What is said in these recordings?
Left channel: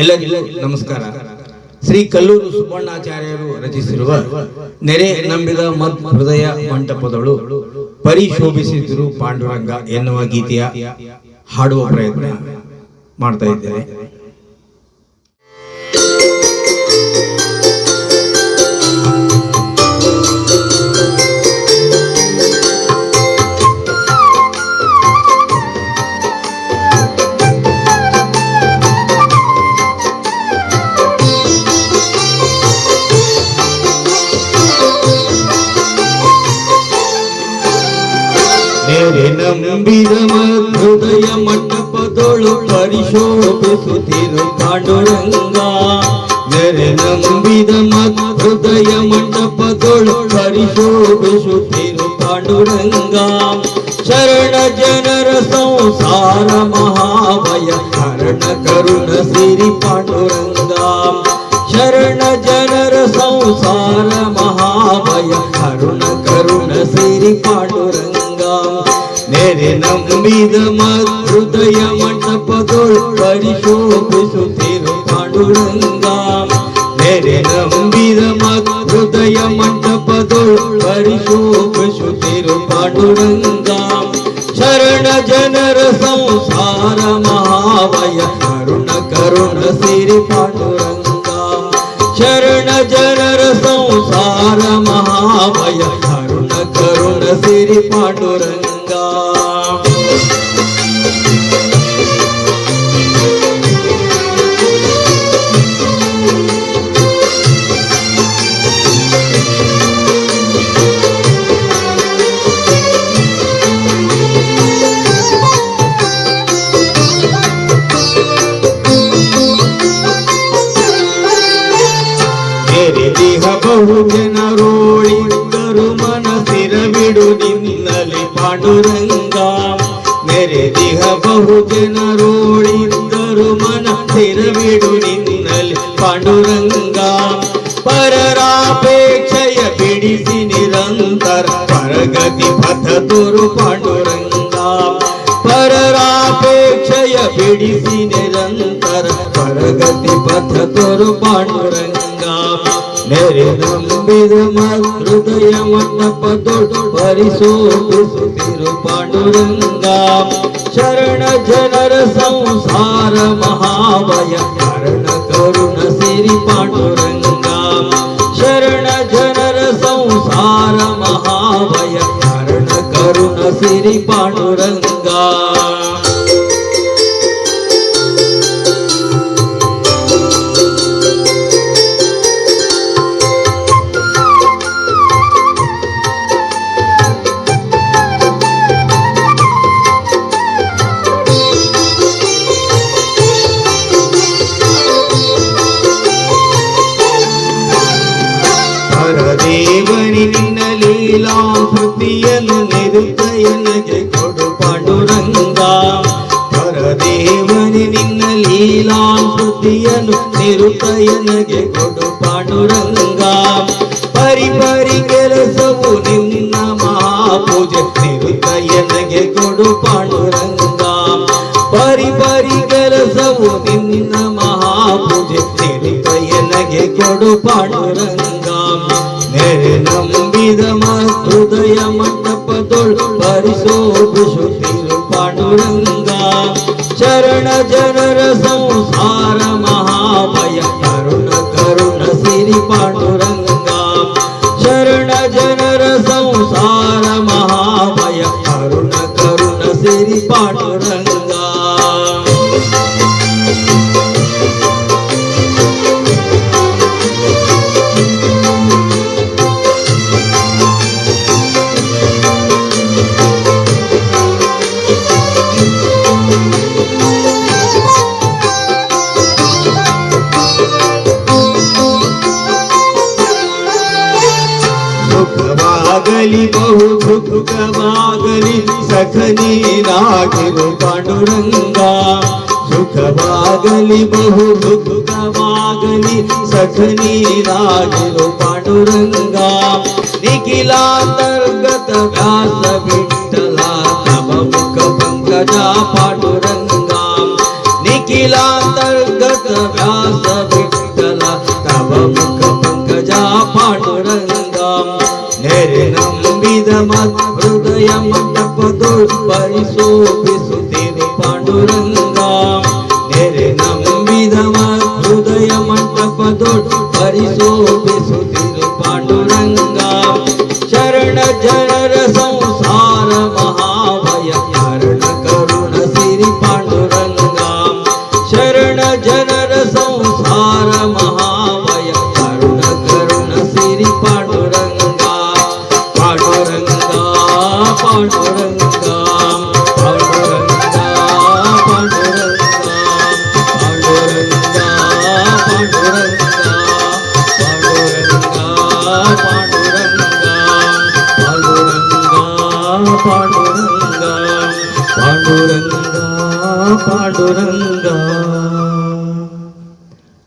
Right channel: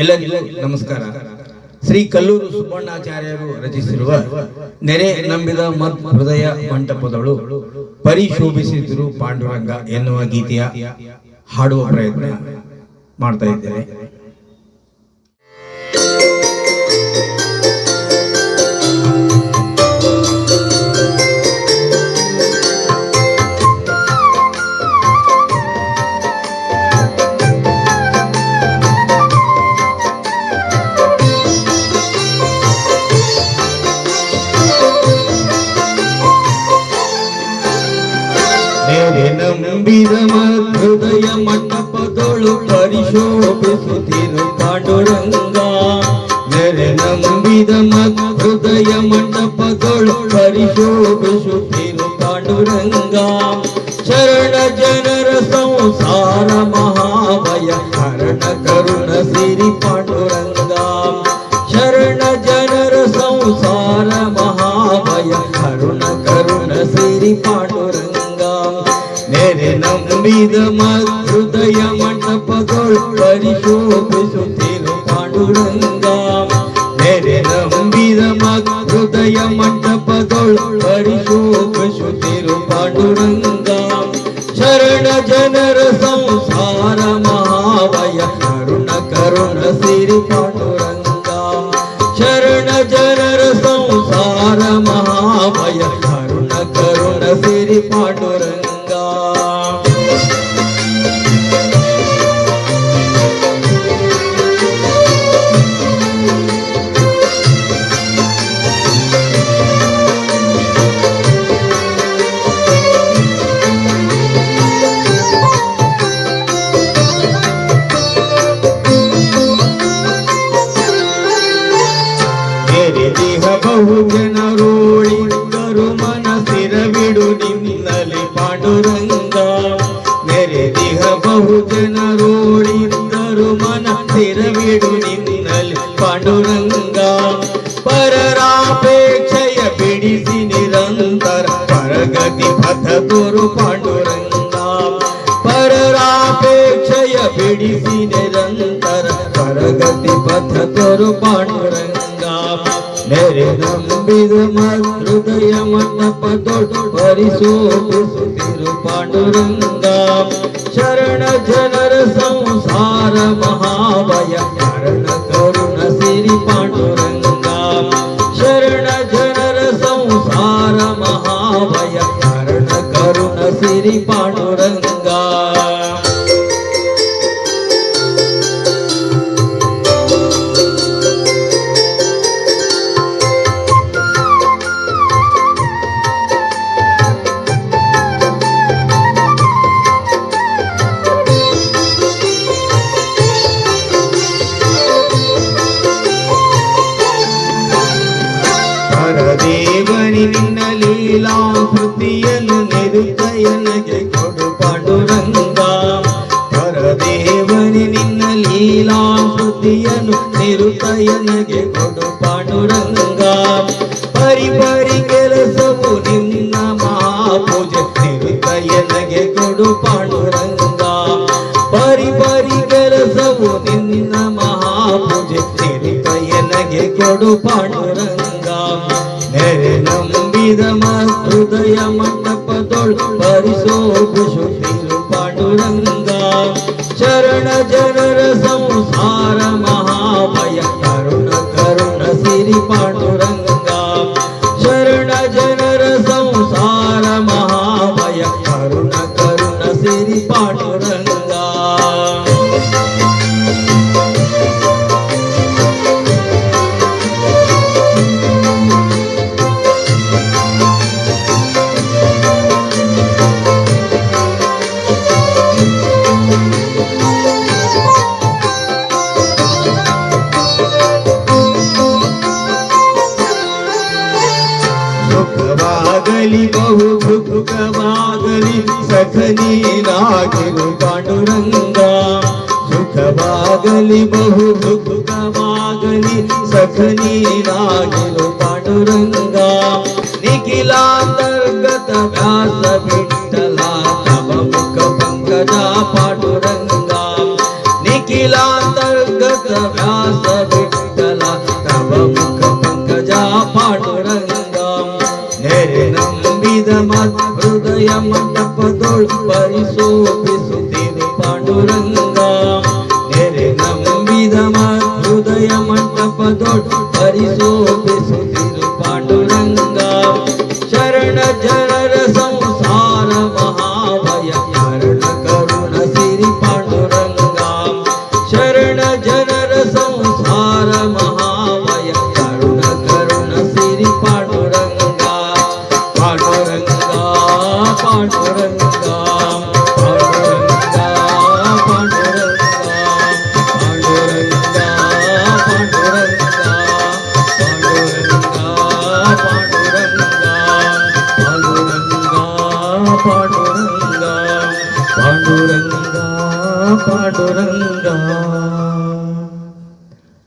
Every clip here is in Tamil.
ಎಲ್ಲರಿಗೂ ನಮಸ್ಕಾರ ಶ್ರೀ ಕಲ್ಲೂರು ಸುಬ್ಬಣ್ಣಾಚಾರ್ಯರು ರಚಿಸಿರುವ ನೆರೆ ನಂಬಿದ ಮತ್ ಹೃದಯ ಮಂಟಪದಳು ಪರಿಶೋಭಿಸಿದ್ರು ಪಾಂಡುರಂಗ ಎನ್ನುವ ಗೀತೆಯ ಹಾಡುವ ಪ್ರಯತ್ನ ಮಾಡ್ತಾ ಇದ್ದೇನೆ ஹிருதய மட்டப்பதோழு பரிசோபிசு திருப்பாடுரங்கா நம்பித மதுதய மண்டபதோழு பரிசோபிசு திருப்பாடுரங்கா சரண ஜனர சம்சார மகாபய கரண கருண சிறி பாண்டுரங்கா சரண ஜனர சம்சார மகாபய கருண கருண சிறி பாண்டுரங்கா मेरे नम्बीद माग हृदय दोल परिशोभ सुते पाटुरङ्गा मेरे नम्बीद मग हृदय दोल परिशोभ सुते पाटुरङ्गा शरण जनर संसार महावय करुण करुण पाटो रङ्गा शरण करुण करुण सिर पाटुरङ्ग ఎడిసి నిరంతర ప్రగతి పథ తెరు పడంగా మేరే నంబిదు హృదయమన్న పదొడు పరిశోభి తిరు పడురంగా శరణ జనర సంసార మహావయ కరుణ కరుణ సిరి పడురంగా శరణ జనర సంసార మహావయ కరుణ కరుణ సిరి పడురంగా கொடுப்பிலாம் புத்தியன் நெருக்க எனக்கு கொடுப்படுரங்கா பரதேவரிங்கலீலாம் புத்தியன் நெருக்க எனக்கு கொடுப்படுரங்கா பரிபரி கெலசவு நின்னமா பூஜை நெருக்க எனக்கு கொடுப்படுரங்கா பரிபரி கெலசவு நின்னமா பூஜை நெருக்க எனக்கு கொடுப்படுரங்கா நெரு நம்ப ஹிருதய மண்டபத்தோள் பரிசோபு பாண்டுரங்கா சரண ஜனர சம்சார மகாபய கருண கருண சிறி பாண்டுரங்கா சரண ஜனர சம்சார மகாபய கருண கருண சிறி பாண்டுரங்க सुख बहु भूकम्मागलि सखनी डुरङ्गा सुख भागली बहु भूकमागलि सखनी डुरङ्गा निखला பரிசோதி சுத்தினி பாண்டுரங்கம் நெரு நம்பிதமா ஹுதய மண்டபதோடு பரிசோதி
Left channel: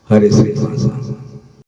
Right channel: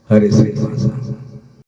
ಹರಿ ಶ್ರೀ